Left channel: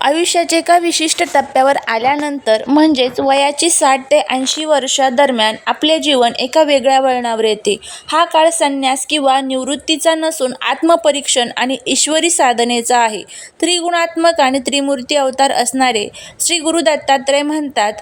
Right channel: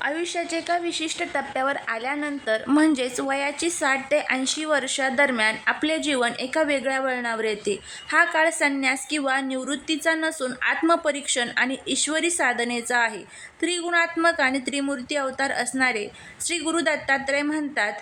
आयुष्याच्या एका विशिष्ट टप्प्यावर आल्यानंतर म्हणजेच वयाची 60 ते 80 वर्षादरम्यान आपले जीवन एका वेगळ्या वळणावर येते. हा काळ संन्यास किंवा निवृत्तीचा नसून आत्मपरीक्षण आणि ईश्वरी साधनेचा आहे. त्रिगुणात्मक आणि त्रिमूर्ती अवतार असणारे श्री गुरु दत्तात्रय म्हणतात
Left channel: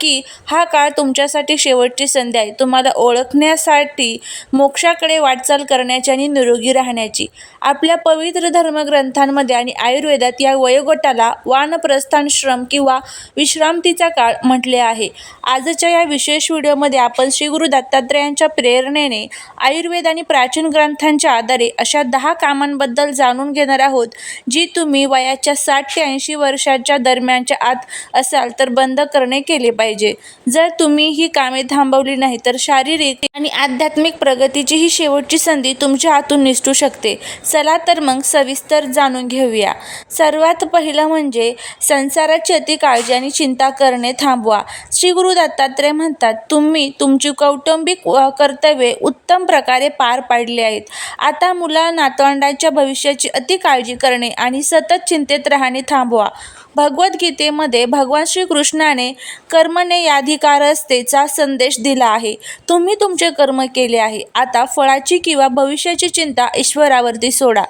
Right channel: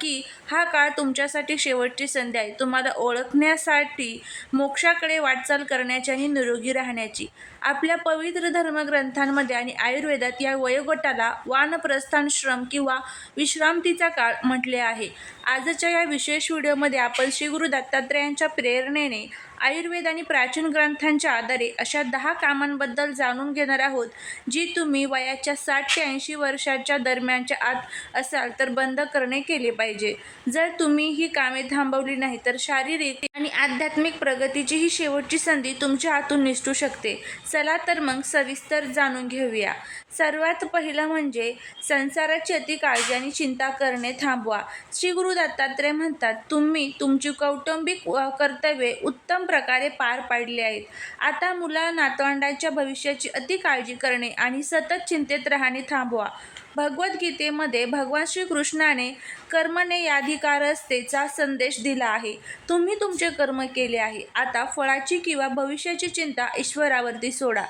की हा काळ तुमच्यासाठी शेवटची संधी आहे, तुम्हाला ओळखण्यासाठी, मोक्षाकडे वाटचाल करण्याची आणि निरोगी राहण्याची. आपल्या पवित्र धर्मग्रंथांमध्ये आणि आयुर्वेदात या वयोगटाला वानप्रस्थाश्रम किंवा विश्रांतीचा काळ म्हटले आहे. आजच्या या विशेष व्हिडिओमध्ये आपण श्री गुरु दत्तात्रयांच्या प्रेरणेने आयुर्वेद आणि प्राचीन ग्रंथांच्या आधारे अशा 10 कामांबद्दल जाणून घेणार आहोत, जी तुम्ही वयाच्या 60 ते 80 वर्षाच्या दरम्यानच्या आत असाल तर बंद करणे केले पाहिजे. जर तुम्ही ही कामे थांबवली नाही तर शारीरिक आणि आध्यात्मिक प्रगतीची ही शेवटची संधी तुमच्या हातून निसटू शकते. चला तर मग सविस्तर जाणून घेऊया. सर्वात पहिलं म्हणजे संसाराची अति काळजी आणि चिंता करणे थांबवा. श्री गुरु दत्तात्रय म्हणतात, तुम्ही तुमची कौटुंबिक कर्तव्ये उत्तम प्रकारे पार पाडली आहेत. आता मुला नातवंडांच्या भविष्याची अति काळजी करणे आणि सतत चिंतेत राहणे थांबवा. भगवद्गीतेमध्ये भगवान श्रीकृष्णाने कर्मण्येवाधिकारस्तेचा संदेश दिला आहे. तुम्ही तुमचे कर्म केले आहे, आता फळाची किंवा भविष्याची चिंता ईश्वरावरती सोडा.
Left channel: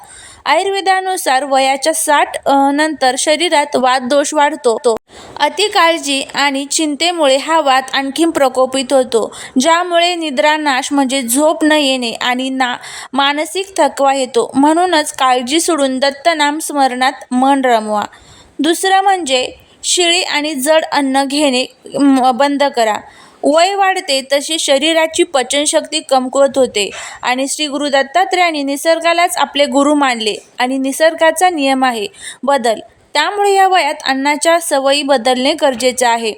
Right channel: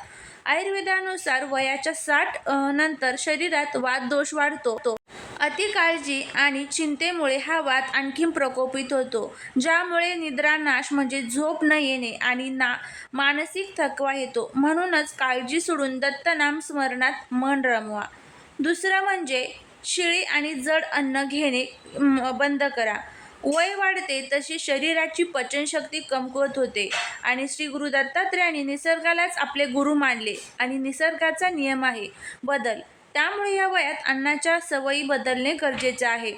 आयुर्वेदानुसार वयाच्या 60 नंतर शरीरात वातदोष वाढतो. अति काळजी आणि चिंतेमुळे हा वात आणखी प्रकोपित होतो, ज्यामुळे निद्रानाश म्हणजे झोप न येणे आणि मानसिक थकवा येतो. म्हणूनच काळजी सोडून दत्तनाम स्मरणात मन रमवा. दुसरं म्हणजे शिळी आणि जड अन्न घेणे बंद करा. वय वाढते तशी शरीराची पचनशक्ती कमकुवत होते आणि श्री गुरु दत्तात्रयांनी निसर्गालाच आपले गुरु मानले आणि निसर्गाचा नियम आहे बदल. त्यामुळे या वयात अन्नाच्या सवयी बदलणे गरजेचे आहे.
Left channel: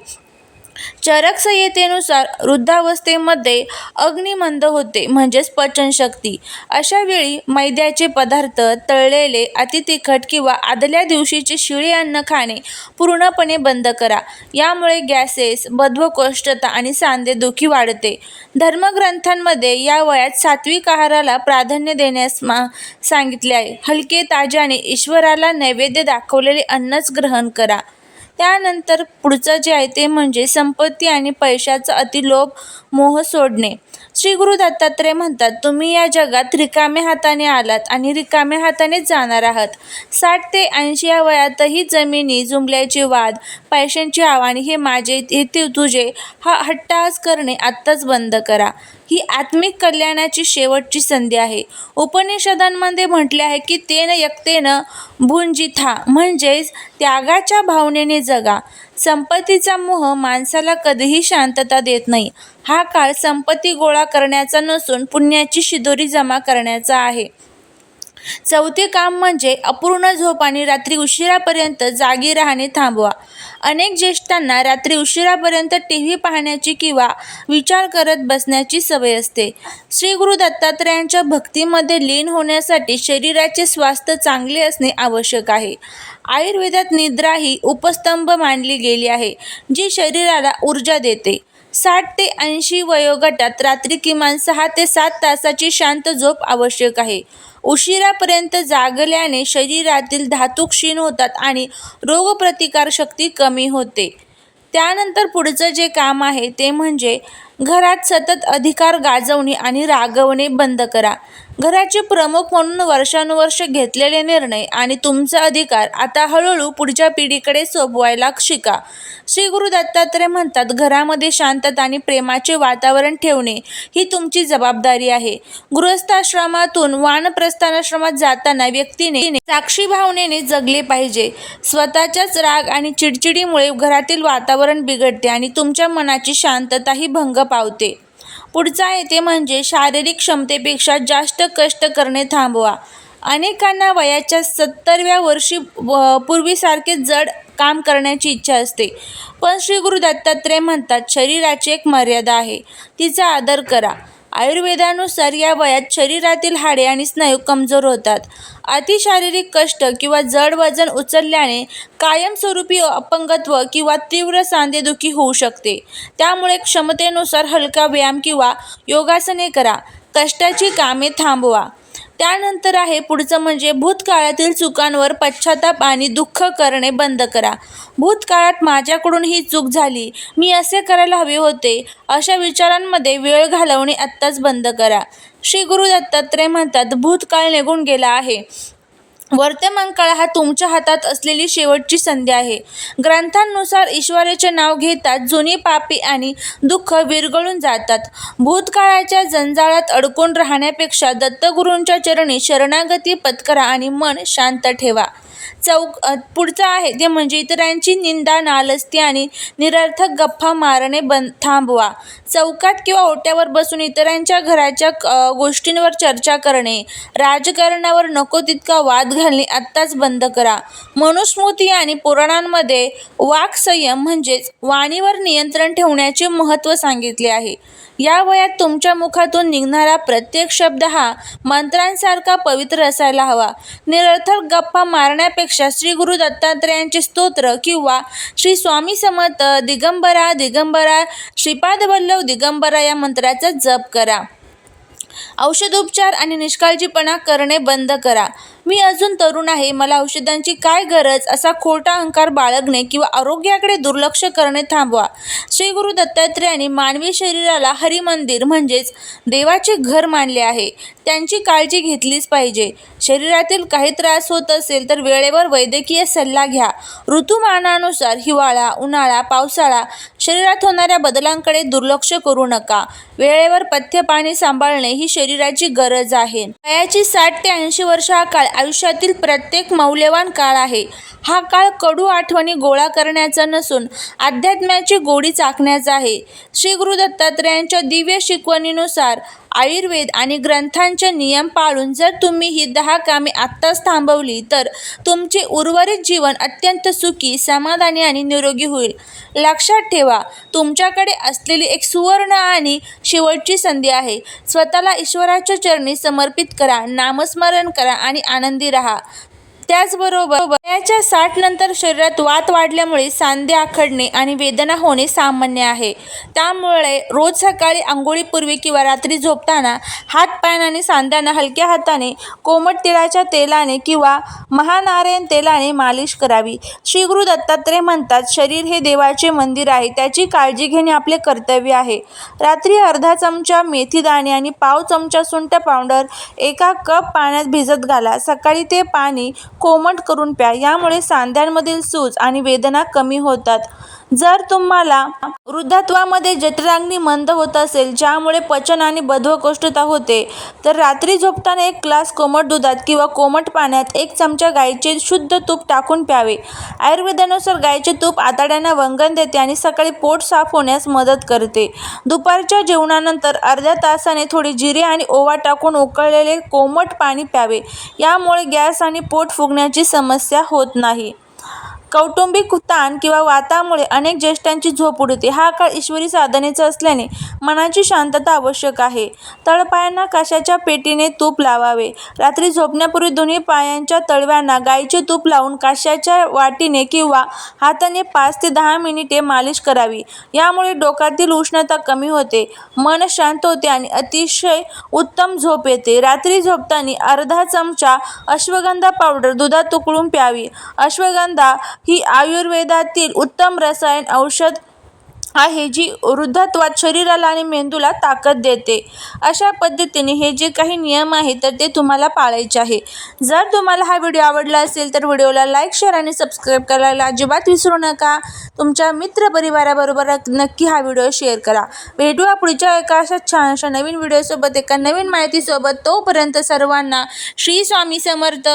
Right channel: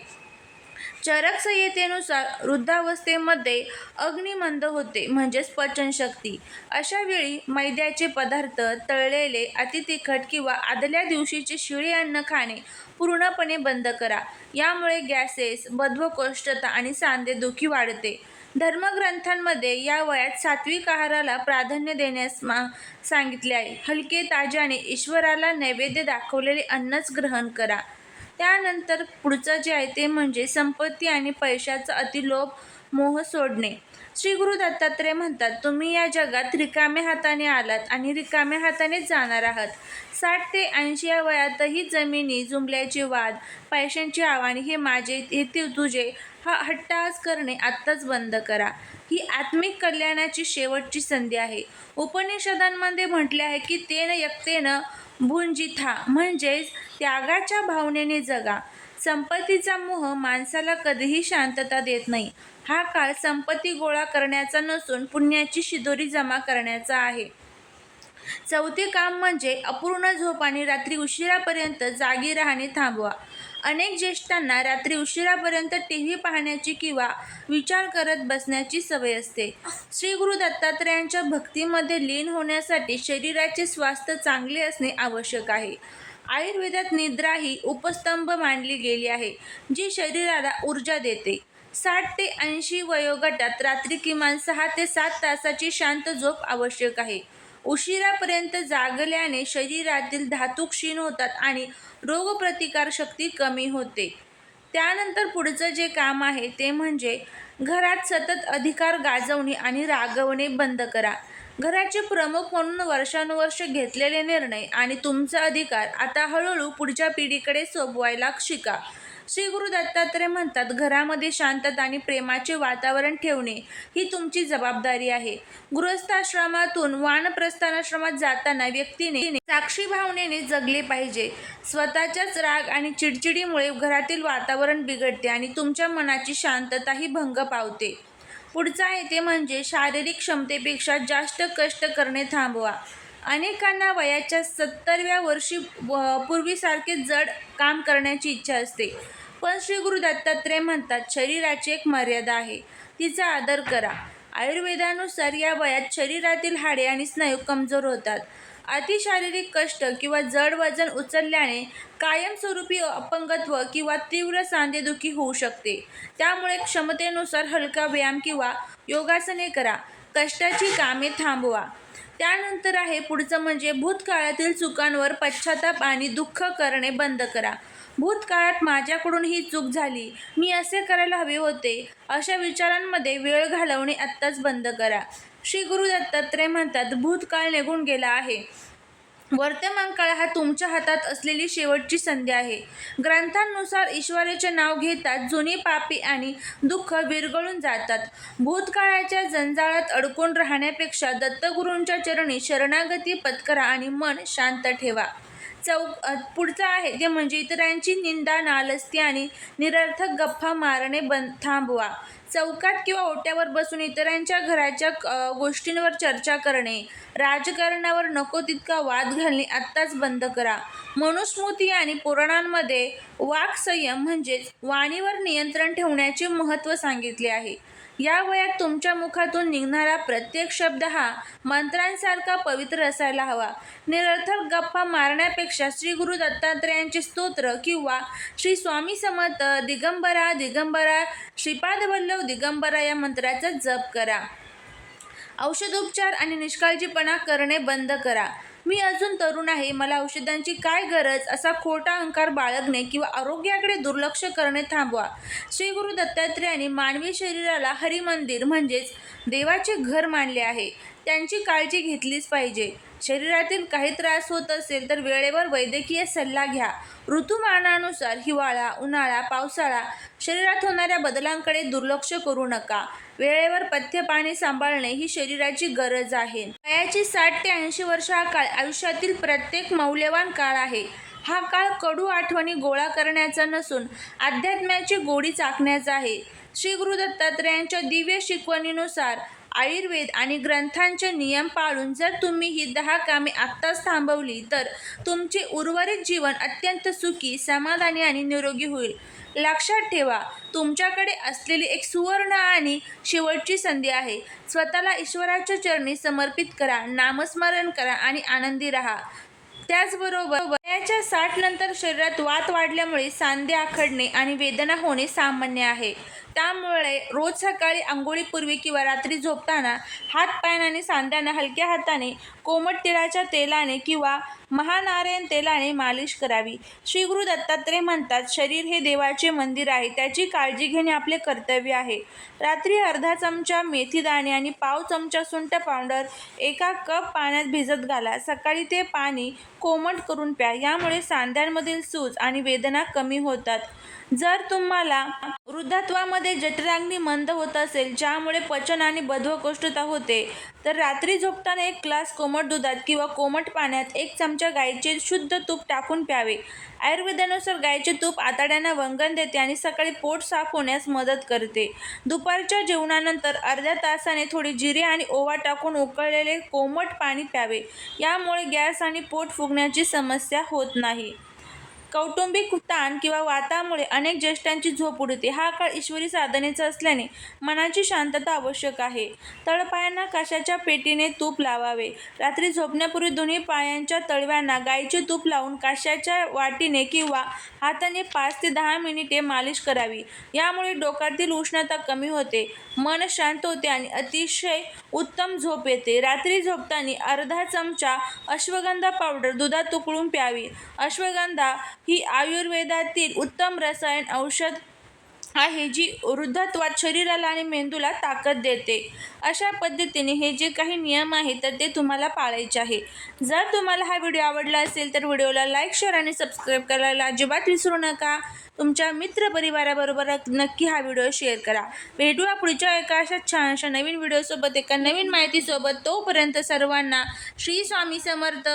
चरक संहितेनुसार वृद्धावस्थेमध्ये अग्निमंद होते म्हणजेच पचनशक्ती. अशा वेळी मैद्याचे पदार्थ, तळलेले, अतितिखट किंवा आदल्या दिवशीचे शिळे अन्न खाणे पूर्णपणे बंद करा. यामुळे गॅसेस, बद्धकोष्ठता आणि सांधेदुखी वाढते. धर्मग्रंथांमध्ये या वयात सात्विक आहाराला प्राधान्य देण्यास सांगितले आहे. हलके, ताजे आणि ईश्वराला नैवेद्य दाखवलेले अन्नच ग्रहण करा. त्यानंतर पुढचं जे आहे ते म्हणजे संपत्ती आणि पैशाचा अतिलोभ, मोह सोडणे. श्री गुरु दत्तात्रय म्हणतात, तुम्ही या जगात रिकाम्या हाताने आलात आणि रिकाम्या हातानेच जाणार आहात. 60 ते 80 या वयातही जमिनी जुंपल्याचे वाद, पैशांची आव्हाने, हे माझे, हे तुझे, हा हट्टहास करणे आत्ताच बंद करा. ही आत्मिक कल्याणाची शेवटची संधी आहे. उपनिषदांमध्ये म्हटले आहे की तेन यक्तेन भुंजिथा, म्हणजेच त्यागाच्या भावनेने जगा. संपत्तीचा मोह माणसाला कधीही शांतता देत नाही. हा काळ संपत्ती गोळा करण्याचा नसून पुण्याची शिदोरी जमा करण्याचा आहे. चौथे काम म्हणजे अपूर्ण झोप आणि रात्री उशिरापर्यंत जागी राहणे थांबवा. अनेक ज्येष्ठांना रात्री उशिरापर्यंत टीव्ही पाहण्याची किंवा विचार करत बसण्याची सवय असते. श्री गुरु दत्तात्रयांच्या भक्तीमध्ये लीन होण्यासाठी शरीराचे स्वास्थ्य चांगले असणे आवश्यक आहे. आयुर्वेदात निद्रा ही उपस्तंभ मानली गेली आहे, जी शरीराला ऊर्जा देते. 60 ते 80 वयोगटात रात्री किमान 6 ते 7 तासाची शांत झोप आवश्यक आहे. उशिरापर्यंत जागल्याने शरीरातील धातू क्षीण होतात आणि रोगप्रतिकारशक्ती कमी होते. त्यानंतर पुढचं जे काम आहे ते म्हणजे घरात सतत अधिकार गाजवणे आणि रागवणे बंद करा. घराचे प्रमुख म्हणून वर्षानुवर्ष घेतलेले निर्णय आणि तुमचा अधिकार आता हळूहळू पुढच्या पिढीकडे सोपवायला शिका. श्री गुरु दत्तात्रय म्हणतात, घरामध्ये शांतता आणि प्रेमाचे वातावरण ठेवणे ही तुमची जबाबदारी आहे. गृहस्थाश्रमातून वानप्रस्थाश्रमात जाताना व्यक्तीने साक्षी भावनेने जगले पाहिजे. स्वतःच्याच राग आणि चिडचिडीमुळे घरातील वातावरण बिघडते आणि तुमच्या मनाची शांतताही भंग पावते. पुढचा आहे ते म्हणजे शारीरिक क्षमतेपेक्षा जास्त कष्ट करणे थांबवा. अनेकांना वयाच्या 70व्या वर्षी पूर्वीसारखे जड काम करण्याची इच्छा असते, पण श्री गुरु दत्तात्रय म्हणतात, शरीराची एक मर्यादा आहे, तिचा आदर करा. आयुर्वेदानुसार या वयात शरीरातील हाडे आणि स्नायू कमजोर होतात. अति शारीरिक कष्ट किंवा जड वजन उचलल्याने कायमस्वरूपी अपंगत्व किंवा तीव्र सांधेदुखी होऊ शकते. त्यामुळे क्षमतेनुसार हलका व्यायाम किंवा योगासने करा. कष्टाची कामे थांबवा. त्यानंतर आहे पुढचं म्हणजे भूतकाळातील चुकांवर पश्चाताप आणि दुःख करणे बंद करा. भूतकाळात माझ्याकडून ही चूक झाली, मी असे करायला हवे होते, अशा विचारांमध्ये वेळ घालवणे आत्ताच बंद करा. श्री गुरु दत्तात्रय म्हणतात, भूतकाळ निघून गेला आहे. वर्तमान काळ हा तुमच्या हातात असलेली शेवटची संधी आहे. ग्रंथांनुसार ईश्वराचे नाव घेताच जुनी पापे आणि दुःख विरघळून जातात. भूतकाळाच्या जंजाळात अडकून राहण्यापेक्षा दत्तगुरूंच्या चरणी शरणागती पत्करा आणि मन शांत ठेवा. पुढचं आहे ते म्हणजे इतरांची निंदा, नालस्ती आणि निरर्थक गप्पा मारणे थांबवा. चौकात किंवा ओट्यावर बसून इतरांच्या घराच्या गोष्टींवर चर्चा करणे, राजकारणावर नको तितका वाद घालणे आत्ताच बंद करा. मनुस्मृती आणि पुराणांमध्ये वाक्संयम म्हणजेच वाणीवर नियंत्रण ठेवण्याचे महत्त्व सांगितले आहे. या वयात तुमच्या मुखातून निघणारा प्रत्येक शब्द हा मंत्रांसारखा पवित्र असायला हवा. निरर्थक गप्पा मारण्यापेक्षा श्री गुरु दत्तात्रयांचे स्तोत्र किंवा श्री स्वामी समर्थ दिगंबरा दिगंबरा श्रीपाद वल्लभ दिगंबरा या मंत्राचा जप करा. औषधोपचार आणि निष्काळजीपणा करणे बंद करा. मी अजून तरुण आहे, मला औषधांची काय गरज, असा खोटा अहंकार बाळगणे किंवा आरोग्याकडे दुर्लक्ष करणे थांबवा. श्री गुरु दत्तात्रयांनी मानवी शरीराला हरिमंदिर म्हणजेच देवाचे घर मानले आहे. त्यांची काळजी घेतलीच पाहिजे. शरीरातील काही त्रास होत असेल तर वेळेवर वैद्यकीय सल्ला घ्या. ऋतुमानानुसार हिवाळा, उन्हाळा, पावसाळा शरीरात होणाऱ्या बदलांकडे दुर्लक्ष करू नका. वेळेवर पथ्य पाणी सांभाळणे ही शरीराची गरज आहे. वयाची 60 ते 80 वर्ष हा काळ आयुष्यातील प्रत्येक मौल्यवान काळ आहे. हा काळ कडू आठवणी गोळा करण्याचा नसून अध्यात्माची गोडी चाखण्याचा आहे. श्री गुरु दत्तात्रयांच्या दिव्य शिकवणीनुसार आयुर्वेद आणि ग्रंथांचे नियम पाळून जर तुम्ही ही 10 कामे आत्ताच थांबवली तर तुमचे उर्वरित जीवन अत्यंत सुखी, समाधानी आणि निरोगी होईल. लक्षात ठेवा, तुमच्याकडे असलेली एक सुवर्ण आणि शेवटची संधी आहे. स्वतःला ईश्वराच्या चरणी समर्पित करा, नामस्मरण करा आणि आनंदी राहा. त्याचबरोबर वयाच्या 60 नंतर शरीरात वात वाढल्यामुळे सांधे आखडणे आणि वेदना होणे सामान्य आहे. त्यामुळे रोज सकाळी अंघोळीपूर्वी किंवा रात्री झोपताना हात-पाय आणि सांध्यांना हलक्या हाताने कोमट तिळाच्या तेलाने किंवा महानारायण तेलाने मालिश करावी. श्री गुरु दत्तात्रय म्हणतात, शरीर हे देवाचे मंदिर आहे, त्याची काळजी घेणे आपले कर्तव्य आहे. रात्री अर्धा चमचा मेथीदाणे आणि पाव चमचा सुंठ पावडर 1 कप पाण्यात भिजत घाला. सकाळी ते पाणी कोमट करून प्या. यामुळे सांध्यांमधील सूज आणि वेदना कमी होतात. जर तुम्हाला वृद्धात्वामध्ये जठराग्नी मंद होत असेल, ज्यामुळे पचन आणि बद्धकोष्ठता होते, तर रात्री झोपताना 1 ग्लास कोमट दुधात किंवा कोमट पाण्यात 1 चमचा गाईचे शुद्ध तूप टाकून प्यावे. आयुर्वेदानुसार गाईचे तूप आतड्यांना वंगण देते आणि सकाळी पोट साफ होण्यास मदत करते. दुपारच्या जेवणानंतर अर्ध्या तासाने थोडी जिरे आणि ओवा टाकून उकळलेले कोमट पाणी प्यावे. यामुळे गॅस आणि पोट फुगण्याची समस्या होत नाही. कौटुंबिक ताण किंवा वातामुळे अनेक ज्येष्ठांची झोप उडते. हा काळ ईश्वरी साधनेचा असल्याने मनाची शांतता आवश्यक आहे. तळपायांना कशाच्या पेटीने तूप लावावे. रात्री झोपण्यापूर्वी दोन्ही पायांच्या तळव्यांना गाईचे तूप लावून कशाच्या वाटीने किंवा हाताने 5 ते 10 मिनिटे मालिश करावी. यामुळे डोक्यातील उष्णता कमी होते, मन शांत होते आणि अतिशय उत्तम झोप येते. रात्री झोपताना अर्धा चमचा अश्वगंधा पावडर दुधात उकळून प्यावी. अश्वगंधा ही आयुर्वेदातील उत्तम रसायन औषध आहे, जी वृद्धत्वात शरीराला आणि मेंदूला ताकद देते. अशा पद्धतीने हे जे काही नियम आहेत तर ते तुम्हाला पाळायचे आहे. जर तुम्हाला हा व्हिडिओ आवडला असेल तर व्हिडिओला लाईक, शेअर आणि सबस्क्राईब करायला अजिबात विसरू नका. तुमच्या मित्रपरिवाराबरोबर नक्की हा व्हिडिओ शेअर करा. भेटूया पुढच्या एका अशा छानशा नवीन व्हिडिओसोबत, एका नवीन माहितीसोबत. तोपर्यंत सर्वांना श्री स्वामी समर्थ.